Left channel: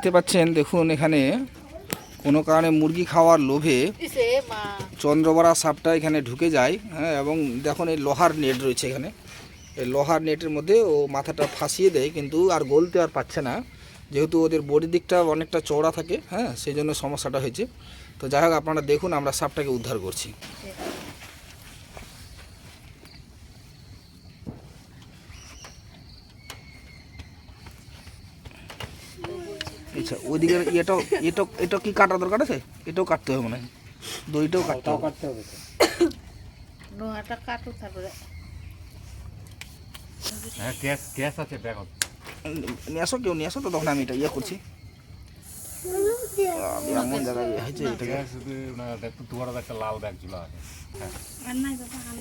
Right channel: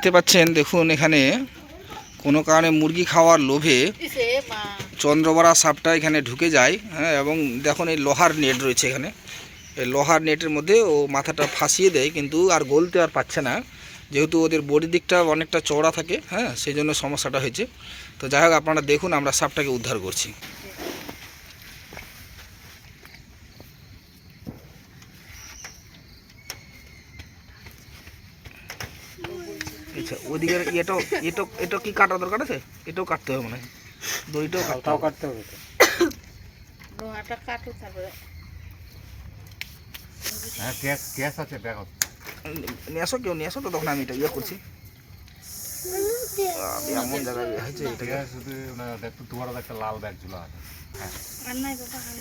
দেখতে পাচ্ছেন, দেখুন এখানে কোনো কারণে মুরগি খাওয়ার লোভে চন্দ্রবড়া সাপটা এখানে ঢুকে যায় হ্যাঁ এবং দেখুন এই লোহার নেট রয়েছে এখানে। এই লোহার নেটের মধ্যে ও মাথাটা ফাঁসিয়ে দেয়, কিন্তু আর গলতে আর পাচ্ছে না। যেহেতু ওদের বডি দিকটা অনেকটা চওড়া থাকে হ্যাঁ সেই জন্য সমস্যাটা হয়েছে। তো যাই হোক, আপনারা দেখুন, আমরা সাপটাকে উদ্ধার করছি। আচ্ছা ওইদিকে এটাও এটাও এটা কি কাটা দরকার আছে? এটাও কাটতে হবে মনে হয়। দইটাও কাটতে হবে। কাটতে হবে তো। কাটো তারপরে। হ্যাঁ গ্যাস গ্যাস আছে ব্যাগ নিয়ে আসো কেউ নিয়ে আসো তো তখন আমি এটা ইয়ে করছি। আমি এমন জায়গায় হয়েছে এটাকে গ্যাস একটু দুয়ার একটা লাল ব্যাগ ঝুলা আছে। হ্যাঁ।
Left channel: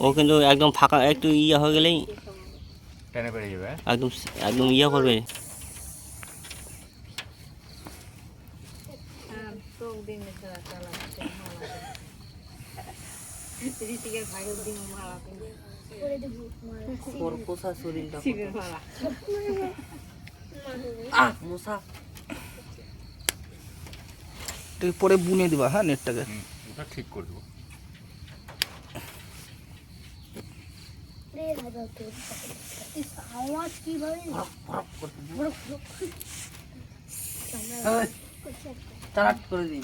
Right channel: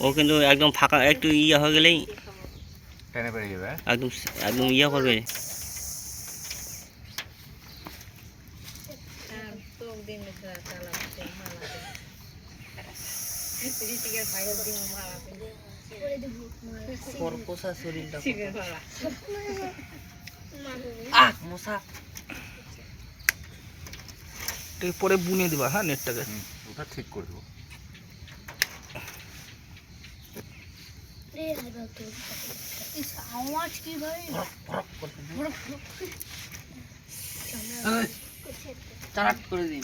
ও কিন্তু একদম ফাঁকা একটু ইয়ে হয়ে গেলেই টেনে যাবে হ্যাঁ? একদম একদম ইয়ে করবে তো খরপোশা শরীরটা আহ মশা। এটাকে পরে বুনে দিবা হ্যাঁ নেটটাকে? ওটা ঠিক করে দেবো। আওয়াজ কি ভাই করে দিন।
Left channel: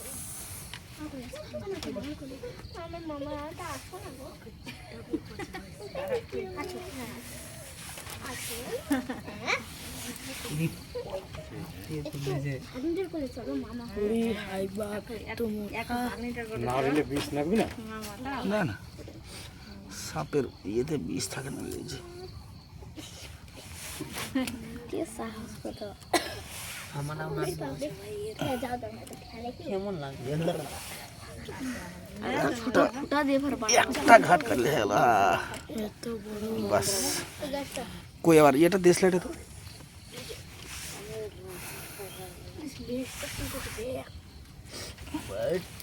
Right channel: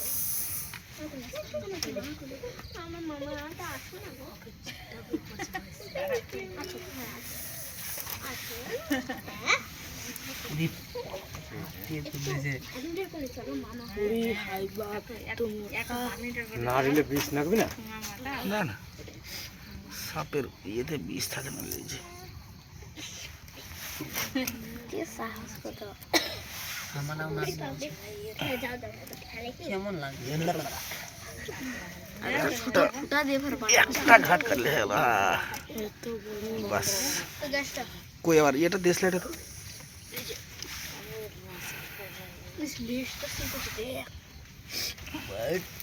আমার মামা আটা আসো না? গো সাপের ইয়েতে বিষ থাকে না যে। কি সাহস কত? কেমন লাগে আরে ছোট ফুটা দিয়ে ভর একটা ঘাট কাটলে হলো আহ, এত বড় বাস গাছটা কই আবার ইয়েটা দেশলাইটা তো লিস্টটা কিন্তু দে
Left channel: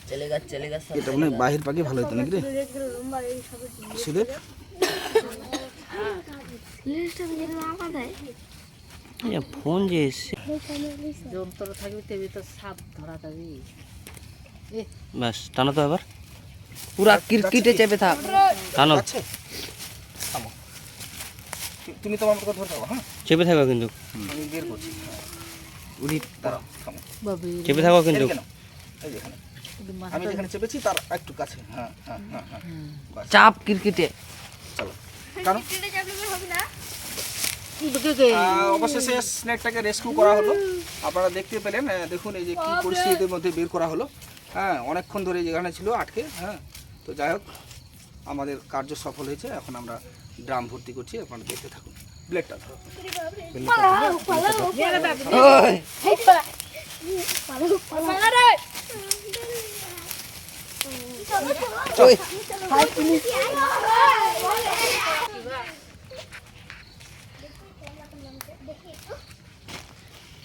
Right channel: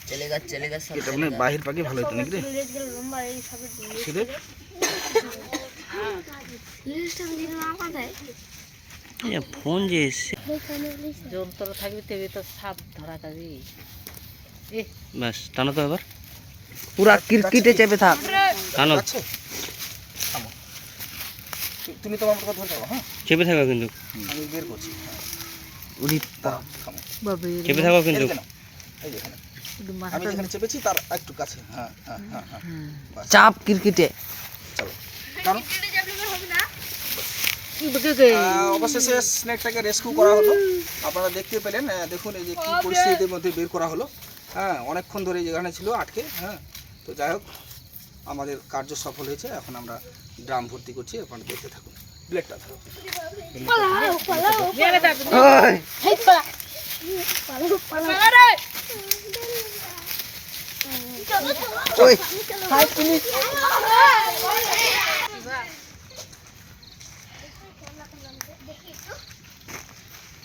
চলে গা চলে গা এটা মনে হয় বাহির পাখি ভালো হতো নাকি রে লিস্টগুলো লম্বা এই সবের সুদে লিস্টটা যদি না পাঠায় ফোন যে এসছে। যন্ত্র থাকবে তেবে তো সাপ ধরা যাবে ব্যাস টানো তো এবার। পুরা কিরকিটে চেপে থাক। টানো। আছে থামো। তু- তুমি তোমার মতো ধরে হ্যাঁ? চেপে থাকো কিন্তু। আমি বের করছি। উড়ি চেপে থাকো কিন্তু। আমি যেখানে চেপেছি তার একটু কাছে। হ্যাঁ হ্যাঁ হ্যাঁ হ্যাঁ। চাপ কিরকিটে চলো। কারণ কেটে যাবে হবে না আহ, অবশেষে স্নেকটাকে রেস্কিউ করা হলো আপনারা দেখতে পেলেন দেখুন এই যে কি পরিস্থিতির মধ্যে বের করা হলো হ্যাঁ অনেকক্ষণ ধরে যেখানে ছিল আটকে হ্যাঁ তো যাই হোক আমাদের কার্য সফল হয়েছে এখন আমরা ড্রাম ভর্তি করছি আপনারা দেখতে থাকুন ব্লেডটা ধরো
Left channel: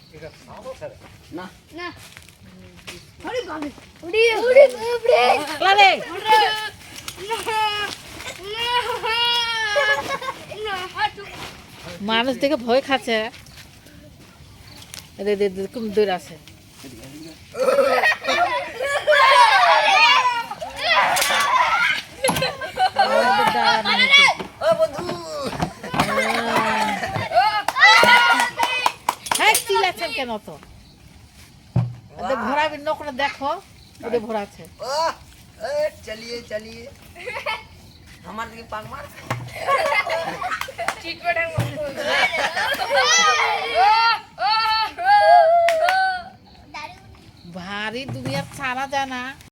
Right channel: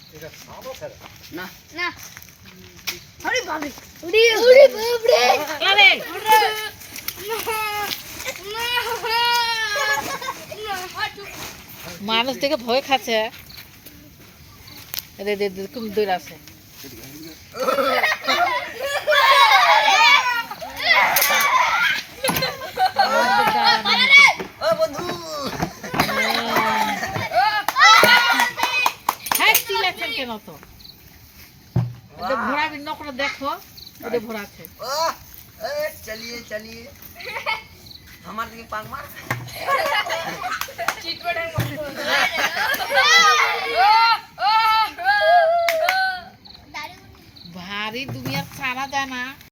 ওই না। আরে বাবা উড়ি উড়ি বাবরে। মানুষ দেখে ভয় খাচ্ছে। কোন দূর আছে। চিল্লাচ্ছেন ঘোড়া তো করে দেখো ওদের ঘোরাচ্ছে চলিয়ে চলিয়ে। আমার দিকে পাক মার।